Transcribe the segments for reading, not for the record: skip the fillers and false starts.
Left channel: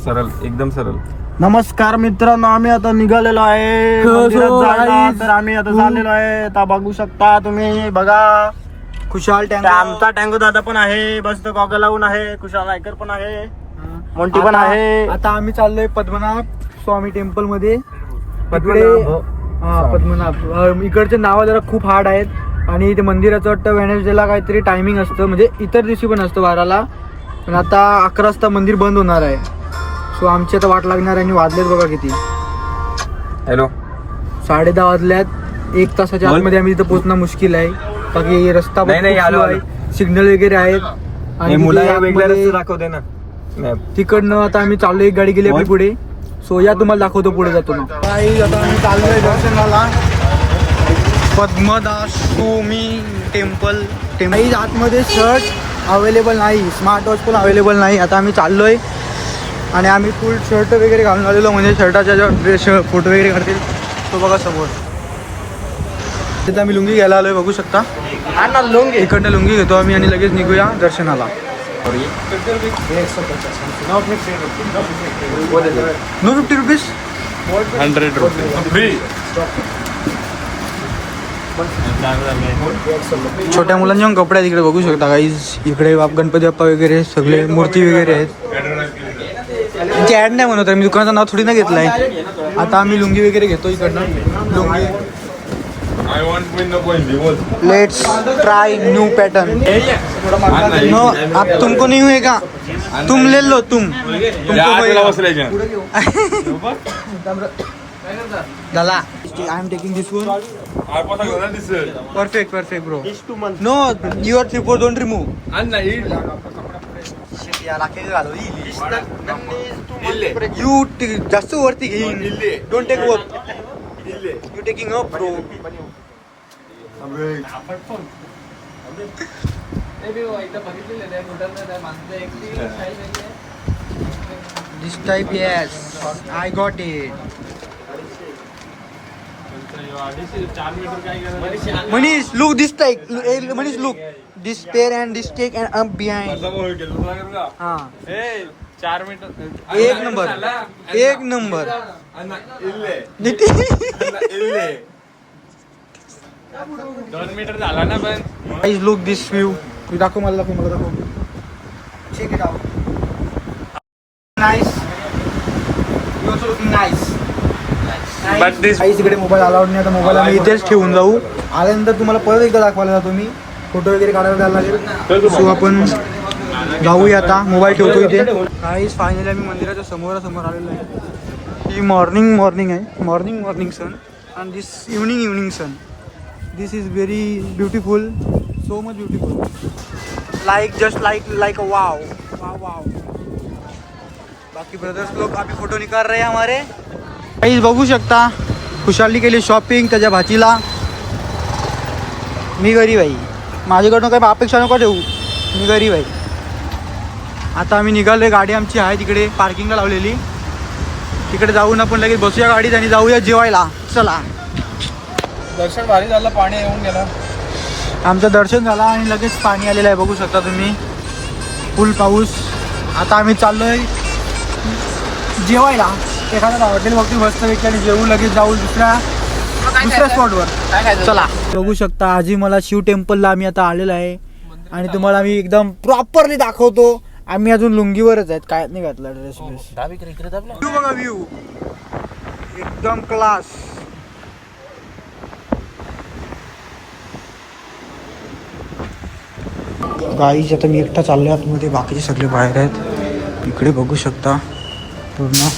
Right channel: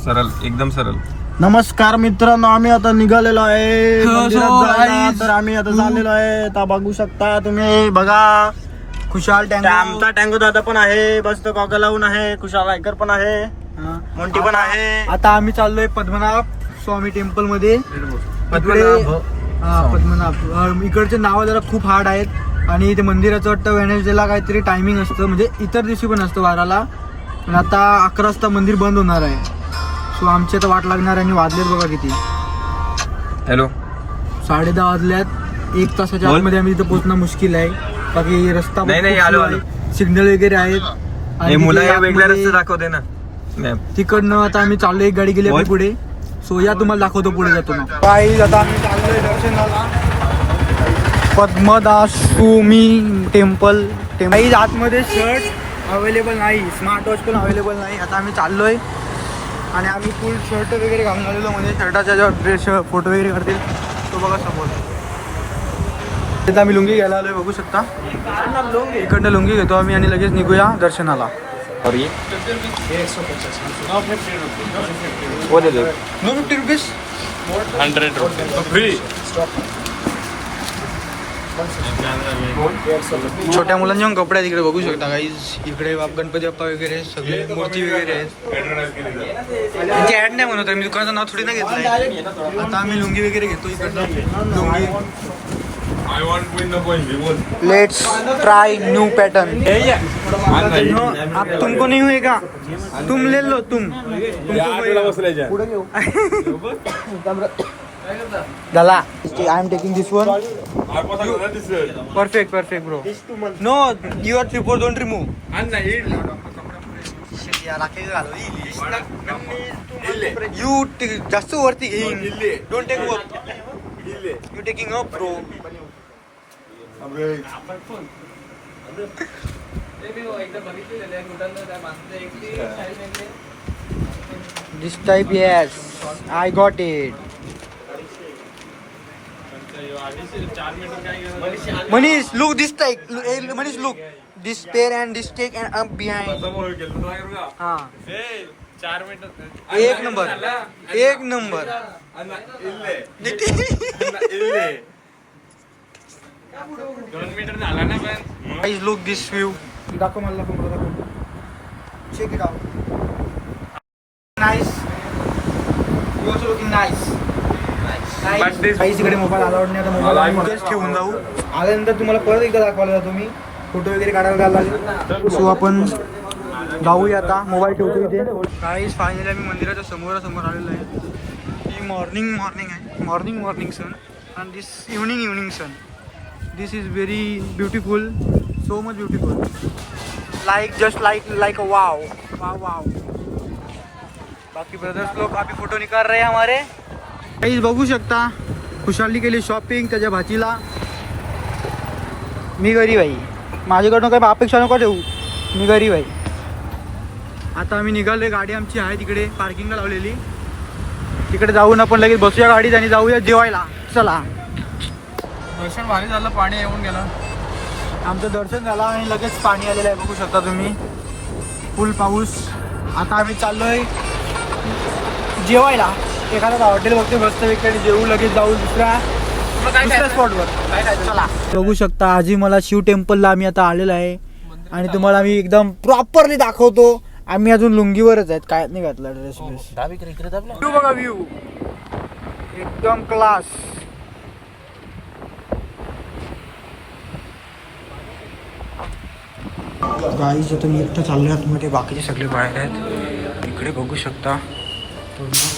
सरळ एकदम सरळ. नमस्कार मित्रांनो, आम्ही आता निघालेलो आहे मंदिरात जायला. तर आम्ही आता चाललेलो आहे. आता बघू शकता तुम्ही, बघा खुशाल टँक, आमचा टँक दादा पण आहे, बस तो गॉगल लावून आहे. खुशाल रायकर पण आहे, मोंटी पण आहे. आता आम्ही चाललोय पद्मनाभ स्वामी टेम्पल मध्ये. पद्मनाभ इकडचे नाव जरा खूप हार्ड आहेत आणि ते मंदिराचं वाटतं वेनसडेला काहीतरी टायमिंग असतं, म्हणजे इतर दिवशी पण असतं 12ला, पण आता 11 वाजता मंदिर बंद होणार आहे. सो आमची आता वाट लागणार आणि वाजलेत बघा किती. हॅलो, 10:30 वाजल्यात. 1 तासाच्या आतमध्ये आम्ही इथं पोहोचणं मुश्किल आहे. बाकी रस्ता सिग्नल वगैरे आहेत आणि वेगळे रस्ते दाखवते ना तिकडनं. आता आम्ही चाललोय, एक गाडी गेली आपली पुढे. सो या तुम्हाला दाखवतो पुढे जातो. काही आता आम्ही चाललोय दर्शनाला पद्मदासुमी टेम्पल. आतमध्ये शर्ट अवेलेबल नाही, स्मार्ट वॉच पण अवेलेबल नाही. आता आम्ही चाललोय आणि आम्ही फुल शर्ट वगैरे घालून आलेलो, म्हणजे शर्टाच्या जेव्हा ड्रेस फोटो वगैरे काढतील तो बघा समोर. तिथं आम्ही लुंगी घ्यायला आलोय, बघू शकता. इकडनं लुंगी घेतो आम्ही आणि लगेच निघूया दर्शनाला. No 50 rupees 100 free. छोट्या मुलांचे कपडे आहेत इकडे, बघू शकता गाईज. इकडे गणपती बाप्पा वगैरे सगळे मूर्ती वगैरे आहेत. त्यांची ॲड नाही म्हणत, मी दुकानाचं नाव थोडी ना घेतलंय. आता आम्ही लुंगी वगैरे घेतो इकडनं. Lungi let's try new pattern. No अब तुमको नहीं हुएगा, तुम ले लो, तुमको Dala, I am taking this one. Perfect bro. No, your tripod don't remove. You just वरती घेईन. Don't take up. You taking up bro. This type, yes, I got it. Manish, look this type. Manish, look this pair and this take and up behind. हाँ. 4 metre. एक number. दोन metre झाला ना पण. Guys, look this view. दाखव मला, दाखव. Check it out. Nice. You also looking nice. But this काही तिकडे मोबाईल अलाउड नाही. आता मोबाईल आम्ही इथेच ठेवून जाऊ. आल्यानंतर तुम्हाला परत एकदा दाखवायला जातो मी. फोटो वगैरे काढायला द्यायला लागेल. सो आपण जाऊया आता. मोबाईल ठेवतो इथे. काहीच फायनली आम्ही मंदिराच्या समोरासमोर आलेलो आहे. ही मॉर्निंग आहे. Morning sun and this evening sun. This is very beautiful, so much beautiful. Just like wow. बाकी ब्रदर्स लोग अभी फोटो निकाल रहे हैं हमारे. काहीच बघू शकता. खुशाली केली शॉपिंग त्याच्या भाचीला. मी गरीब आहे, माझ्याकडनं काही अपेक्षा नको ठेवू. मी गरीब आहे. आता आम्ही निघालोय. गाडी आमची आहे तिकडे पार्किंगला लावलेली. तिकडे जाऊन आपण लगेच बसूया गाडीत आणि जाऊया जेवायला. चला. दर्शन भारी झालं, पाणी येऊन गेलं. आमचं दर्शन झालं आणि लगेच पाणी आलेलं आहे, बघू शकता तुम्ही. फुल पाऊस. आता आम्ही चाललोय जेवायला. एखादा हॉटेल बघतो मस्तपैकी आणि जेवू लगेच जाऊ दुसऱ्या स्पॉटवर. चला. बघू शकता आजी मला शिव टेम्पलला आम्ही आता आलेलो आहे आणि तुम्हाला आम्ही एकदम प्रॉपरली दाखवतो. आम्ही अजून लुंगीवरच आहेत, काय नाही घातला ड्रेस. व्ह्यू बघा, व्ह्यू एकदम क्लास. गाईज आता मी एकटा चाललोय आतमध्ये, बाकीचे सगळे बाहेर आहेत. इकडे बघू शकता पूर्ण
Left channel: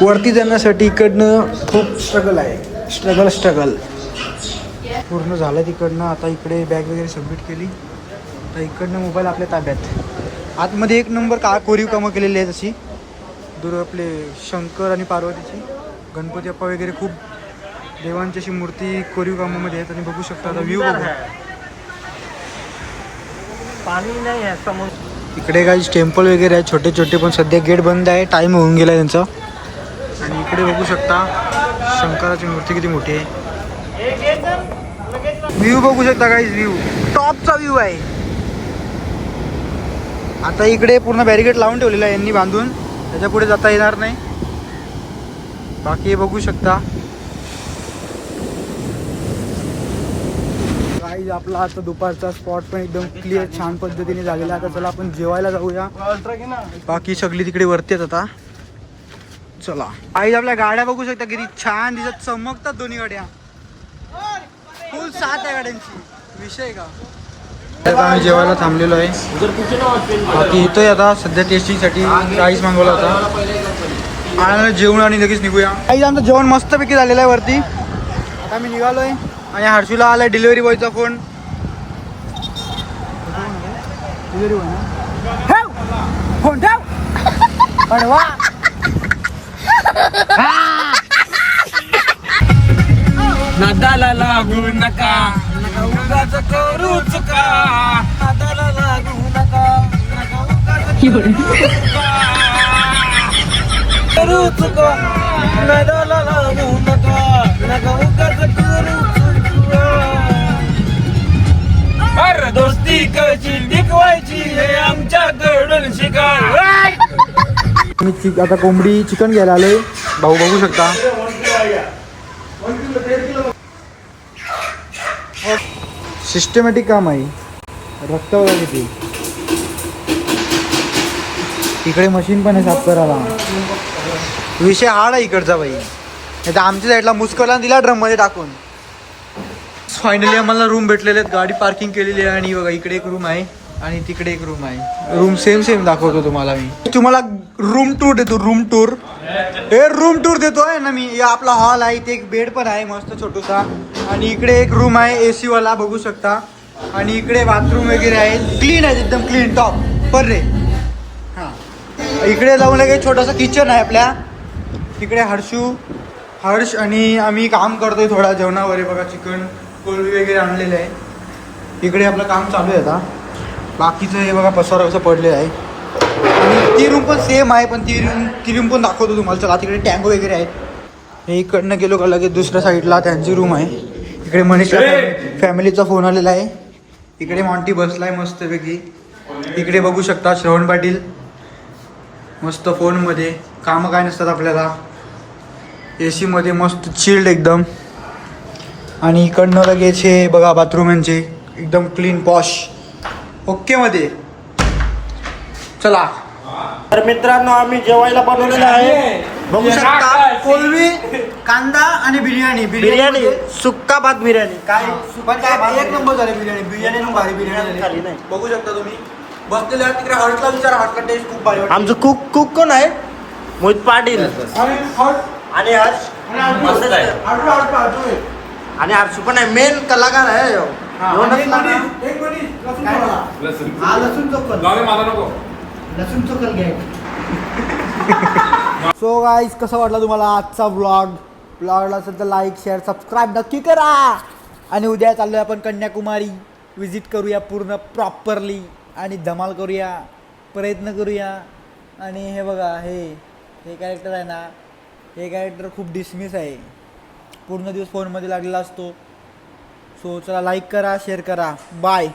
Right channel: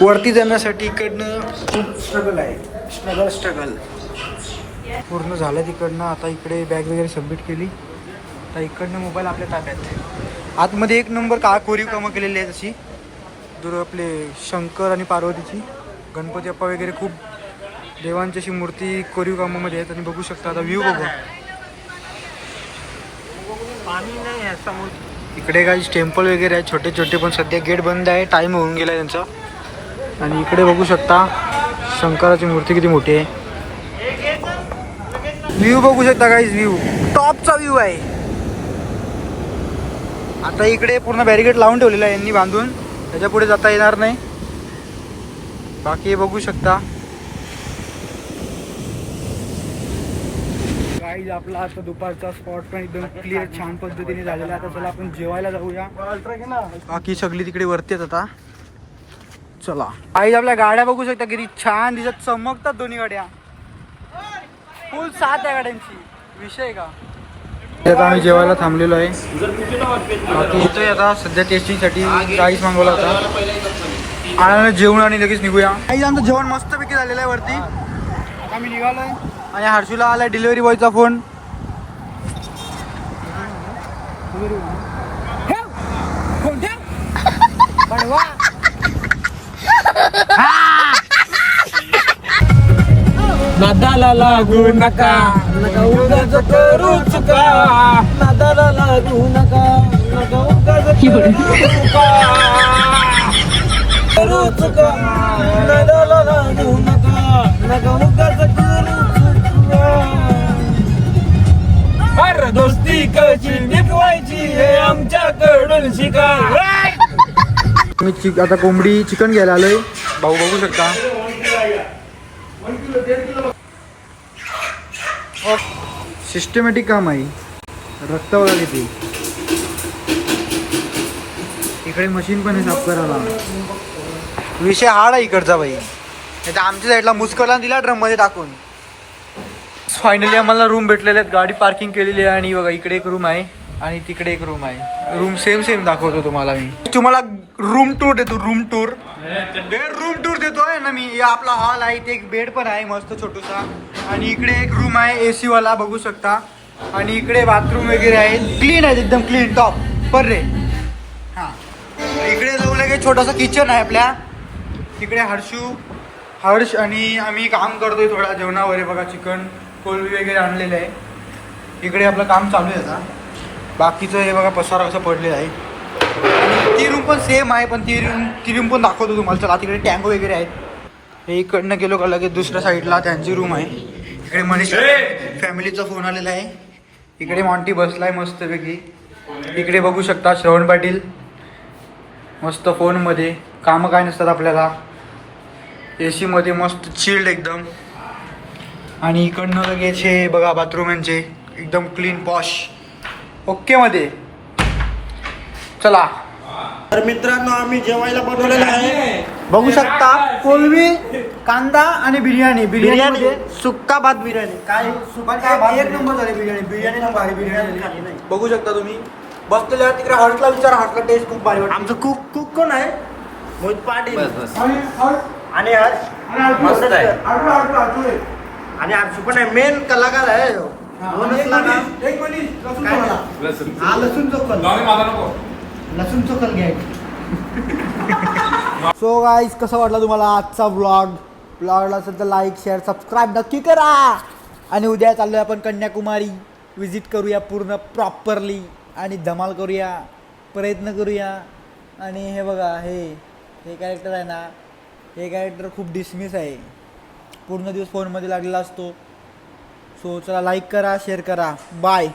वरती जाण्यासाठी इकडनं खूप स्ट्रगल आहे. स्ट्रगल पूर्ण झालं तिकडनं. आता इकडे बॅग वगैरे सबमिट केली. आता इकडनं मोबाईल आपल्या ताब्यात. आतमध्ये एक नंबर कोरीव कामं केलेली आहे तशी. आपले शंकर आणि पार्वतीची, गणपती बाप्पा वगैरे खूप देवांची अशी मूर्ती कोरीव कामामध्ये आहेत. आणि बघू शकता आता व्ह्यू बघू. पाणी नाही आहे समोर. इकडे काही टेम्पल वगैरे आहेत छोटे छोटे, पण सध्या गेट बंद आहे. टाइम होऊन गेला त्यांचा. आणि इकडे बघू शकता शंकराची मूर्ती किती मोठी आहे. व्ह्यू बघू शकता गाईज, व्ह्यू टॉपचा व्ह्यू आहे. आता इकडे पूर्ण बॅरिकेड लावून ठेवलेला आहे यांनी बांधून, त्याच्या पुढे जाता येणार नाही. बाकी बघू शकता गाईज. आपला आता दुपारचा स्पॉट पण एकदम क्लिअर छान पद्धतीने झालेला आहे. आता चला आपण जेवायला जाऊया. बाकी सगळी तिकडे वरती आहेत आता. चला गाईज, आपल्या गाड्या बघू शकता किती छान दिसत, चमकतात दोन्ही गाड्या. फुल साथ आहे गाड्यांची, विषय का. आता आम्ही जेवायला थांबलेलो आहे. बाकी येतोय आता सध्या टेस्टिंगसाठी राईस मागवला होता. आणि जेवण आणि लगेच निघूया. काही आमचं जेवण मस्तपैकी झालेलं आहे वरती. आता आम्ही निघालोय आणि हर्षूला आलाय डिलिव्हरी बॉयचा फोन. डिलिव्हरी बॉय ना, ठेव फोन ठेव पडवा. नादाला लागू नका, नका उगाच करू चुका. नादाला लागू नका, नका उगाच करू चुका. नादाला लागू नका, नका उगाच करू चुका. अरे दोस्ती कशी टिकवायची हे आमच्याकडून शिका. मी आता कोंबडी चिकन घ्यायला आलोय. भाऊ बघू शकता सिस्टमॅटिक काम आहे. रक्त बघा किती. इकडे मशीन पण आहे साफ करायला. विषय हार्ड आहे इकडचा बाई. आता आमच्या साईडला मुस्करला दिला ड्रम मध्ये टाकून. फायनली आम्हाला रूम भेटलेले आहेत. गाडी पार्किंग केलेली आहे. आणि बघा इकडे एक रूम आहे आणि तिकडे एक रूम आहे. रूम सेम सेम दाखवतो तुम्हाला. मी तुम्हाला रूम टूर देतो. रूम टूर देतोय ना मी. या आपला हॉल आहे, इथे एक बेड पण आहे मस्त छोटूसा. आणि इकडे एक रूम आहे AC वाला बघू शकता. आणि इकडे बाथरूम वगैरे आहे, क्लीन आहे एकदम क्लीन टॉप पर रे. हां, इकडे जाऊन एक छोटासा किचन आहे आपल्या. इकडे हर्ष आणि आम्ही काम करतोय थोडा जेवणावर. बघा चिकन कोलबी वगैरे आणलेलं आहे. इकडे आपलं काम चालू आहे आता. बाकीचं हे बघा पसारा कसं पडलेलं आहे. आणि ती रूम पण सेम आहे, पण ती रूम पण दाखवतो तुम्हाला. चला तिकडे टँगो वगैरे आहेत. हे इकडनं गेलो का लगेच दुसऱ्या साईडला त्यांची रूम आहे. इकडे मनीष फॅमिलीचा फोन आलेला आहे. इकडे मॉन्टी बसलाय मस्तपैकी. इकडे बघू शकता श्रवण पाटील मस्त फोनमध्ये. कामं काय नसतात आपल्याला. AC मध्ये मस्त चिल्ड एकदम. आणि इकडनं लगेच हे बघा बाथरूम यांचे एकदम क्लीन पॉश ओके मध्ये. चला तर मित्रांनो, आम्ही जेवायला बनवलेलं आहे. बघू शकता कोलबी, कांदा आणि बिर्याणी सुक्का भात बिर्याणी. काय सुक्का भात एक नंबर झाली बिर्याणी नंबर आहे. बिर्याणी खाली नाही बघू शकता तुम्ही. बसलेले आहे तिकडे. हॉटेलला विचारा, हॉटेल टेस्ट खूप भारी. आमचं कुक कोण आहे? मोहित पाटील आणि हर्ष मस्त आहे. आणि हर्षू पण आहे, मेन कलाकार आहे. लसूण चोकल घ्या. सो गाईज, कसा वाटला तुम्हाला आजचा व्लॉगला असेल तर लाईक शेअर सबस्क्राईब नक्की करा. आणि उद्या चाललोय आपण कन्याकुमारी. विजिट करूया पूर्ण प्रॉपरली आणि धमाल करूया, प्रयत्न करूया. आणि हे बघा हे कॅरेक्टर आहे ना, हे कॅरेक्टर खूप डिसमिस आहे. पूर्ण दिवस फोनमध्ये लागलेला असतो. सो चला लाईक करा, शेअर करा. बाय.